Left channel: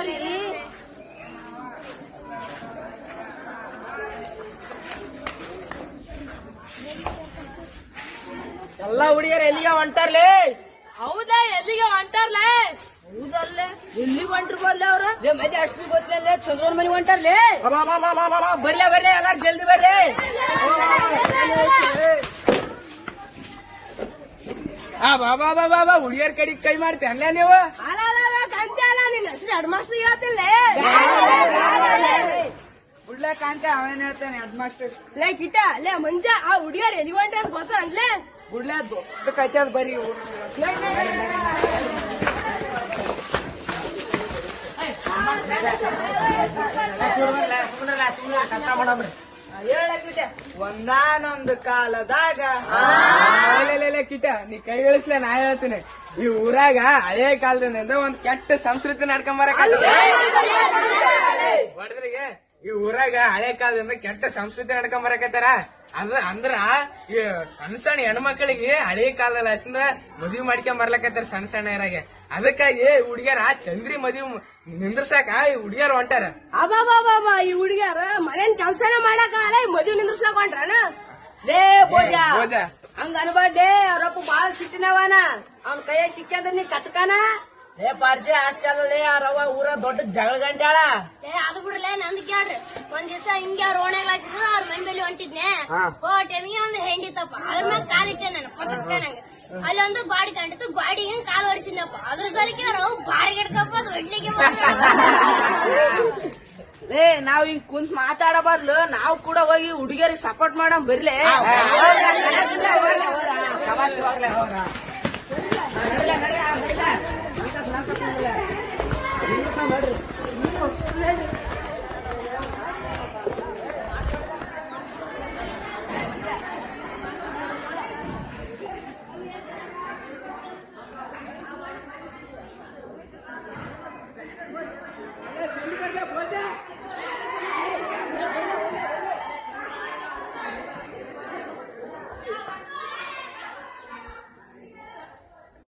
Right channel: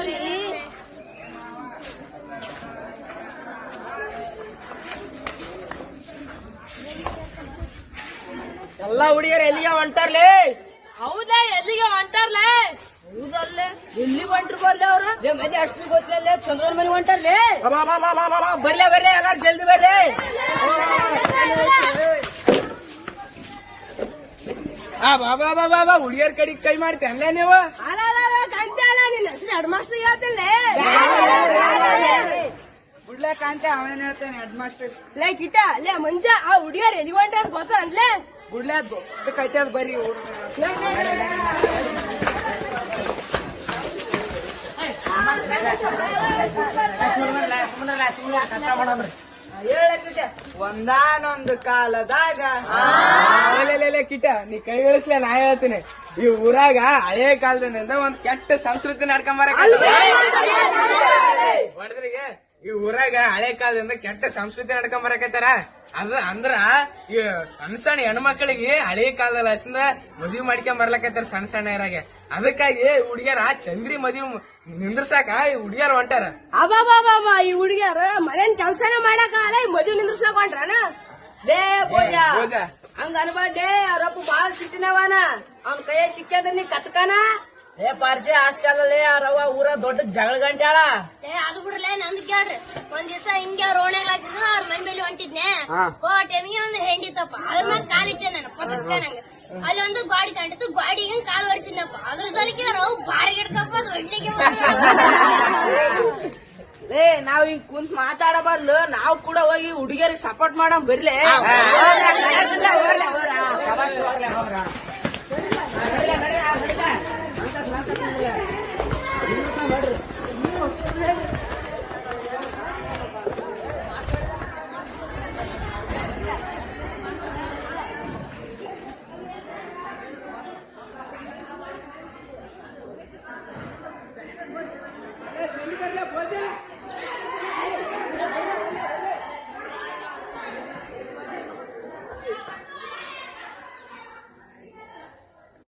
ನಮ್ಮಲ್ಲಿ ಎಲ್ಲಾ ಹುಡುಗಿಯರು ಎಲ್ಲಿಗೆ ಹೊಂಟಾರ್ಲಿ? ಹೌದಾ? ಎಲ್ಲಿಗೆ ಹೊಂಟಾರ್ಲೆ? ಹೌದಲ್ಲೇ ಎಲ್ಲಿಗೆ ಹೊಂಟಿರ್ಬಲ್ಲ ಅವ್ರು? ಮನೆ ಅಷ್ಟು ಗೊತ್ತಿಲ್ಲ, ಚಂದ್ರನ್ ಮನೆ ಹೊಂಟಾರ್ಲೆ. ಬರ್ಲೆ ಬರ್ಲೆ ಎಲ್ಲಾರು ಜಲ್ದಿ ಬರ್ಲಿ. ಬಾಬಾ ಬಾಬಾ ಹುಡುಗಿಯರ್ ಕಡೆ ಕೈ ಮಾಡ್ತೇನ್ಲ ನೀವು? ಕಾಂತಿ ಅಲ್ಲ, ನಿನ್ನ ಹೆಸರು ಹೆಡ್ ಮಾಸ್ಟರ್ ಹೇಳ್ತಿಲ್ಲ. ಬಿಡ್ಲೆ ಕಾಂತೆ, ಅವನೇನ್ ಹೇಳ್ತೇನೆ ಹೆಡ್ ಮಾಸ್ಟರ್. ಲೇ ಕಿಟ್ಟ, ಲೇ ಮಂಜ, ಆ ಹುಡುಗಿಯರ್ ಎಲ್ಲಿಗೆ ಹೊಂಟಾರ ಗೊತ್ತ ಅನ್ಲೆ? ಬಿಡ್ಲೆ ದೊಡ್ಡ ಕೈತೆ ಅದ್ ಬರ್ರಿ. ಒಂದಾನೊಂದು ಕಾಲದಾಗ ಕಿಟ ನೀ ಕೈ ಇಳಿಸ್ಲ, ನಾ ಹೇಳ್ತೀನಿ. ಈ ಊರಾಗ ಹಳೆ ಕಾಲದಿಂದ ಒಂದ್ ಕೆಟ್ಟ ಸಂಸ್ಕೃತಿ ನಡ್ಕೊಂಬರಕ ಹೊಡೆದ್ರಿಗೆ. ಈ ಊರಾಗ ಹಳೆ ಕಾಲದಿಂದ ಕೆಟ್ಟ ಸಂಸ್ಕೃತಿ ನಡ್ಕೊಂಬರಕತ್ತಾರ. ಅದ ಅಂದ್ರ ಈ ಸಣ್ಣ ಸಣ್ಣ ಹೆಣ್ಮಕ್ಳಿಗೆ ಹಳೆ ಕಾಲದಲ್ಲಿ ಹಸಿಂದ ಮದ್ವಿ ಮಾಡ್ಕೊಂಡ್ ಬರ್ಲಕತ್ತಾರ ಸಣ್ಣ ಸಣ್ಣ ಇರಾಗೆ. ಅದಕ್ಕಾಗಿ ಹುಡುಗಿಯರ ಚಂದ್ರಿ ಮದ್ವಿ ನಿಂದ್ರಸಾಕ ಈ ಹುಡುಗಿಯರು ಹೊಂಟಾರ. ಅಬಾಬಾಬಾ, ಈ ಹುಡುಗಿಯರು ಮನೇನ್ ಕೆಲ್ಸನ ಮಾಡಕಾಲ ಮದ್ವೆ ನಿಂದ್ರಸ್ಕೊಂಡ್ರನ? ಲೇ ಪೂಜ, ಹಂಗ ಅನ್ಬಾಡ್ಲಿ, ಅವ್ರಪ್ಪ ಬಾಳ ಸಿಟ್ಟಿನವನ, ಅವ್ನ ಕೈಯ ಸಿಕ್ಕದ ನೀ ಕಚಕನ. ಏ ಪಾರ್ಸಿ ಅಷ್ಟೇ ಅವ್ರವ್ವ ಊರ ದೊಡ್ಡ ಜಗಳ ಗಂಟ್ಯಾಳ. ಅದು ಬಿಡ್ರಲ್ಲ, ನಂದು ಕೇಳ್ರಿ. ಒಂದ್ ದಿವಸ ಹಿಂಗೆ ಅವ್ರ ಓಣ್ಯಾಗ ಹಾಸಿದ್ರು, ಅವ್ರ ಮನೆ ಮೇಲೆ ಹೊಂಟಿದ್ನೆ. ಟೈಮಿಗೆ ಒಂದು ಹೆಂಡಿತಪ್ಪ, ಅದ್ರ ಮ್ಯಾಗ ಕಾಲಿಟ್ಟೆ ನಾನು ಪಚಕ್ಕ ನಂಗೆ. ಅಲ್ಲಿ ಒಂದು ಗಾಡಿ ಕಂಡಿತ್ತು, ಗಾಡಿಗೆ ಕಾಲು ಹೊಡಿತೀನಪ್ಪ. ಅದ್ರ ಸಲಕ್ಕೆ ಅವ್ರು ಬಾರಿ ಗಿಡ್ಕಪ್ಪ, ಅದು ಒಳ್ಳೆಗೆ ಏ ನಾವ್ ಈಗ ಕುಂತ್ ಮಾತಾಡ ಬದ್ಲು ನಾವ್ ಕೂಡ ಹೋಗಿ ಹುಡುಗಿಯರಿಗೆ ಸಪೋರ್ಟ್ ಮಾಡಮ್ ಬರ್ಲಿ. ಸಭಾ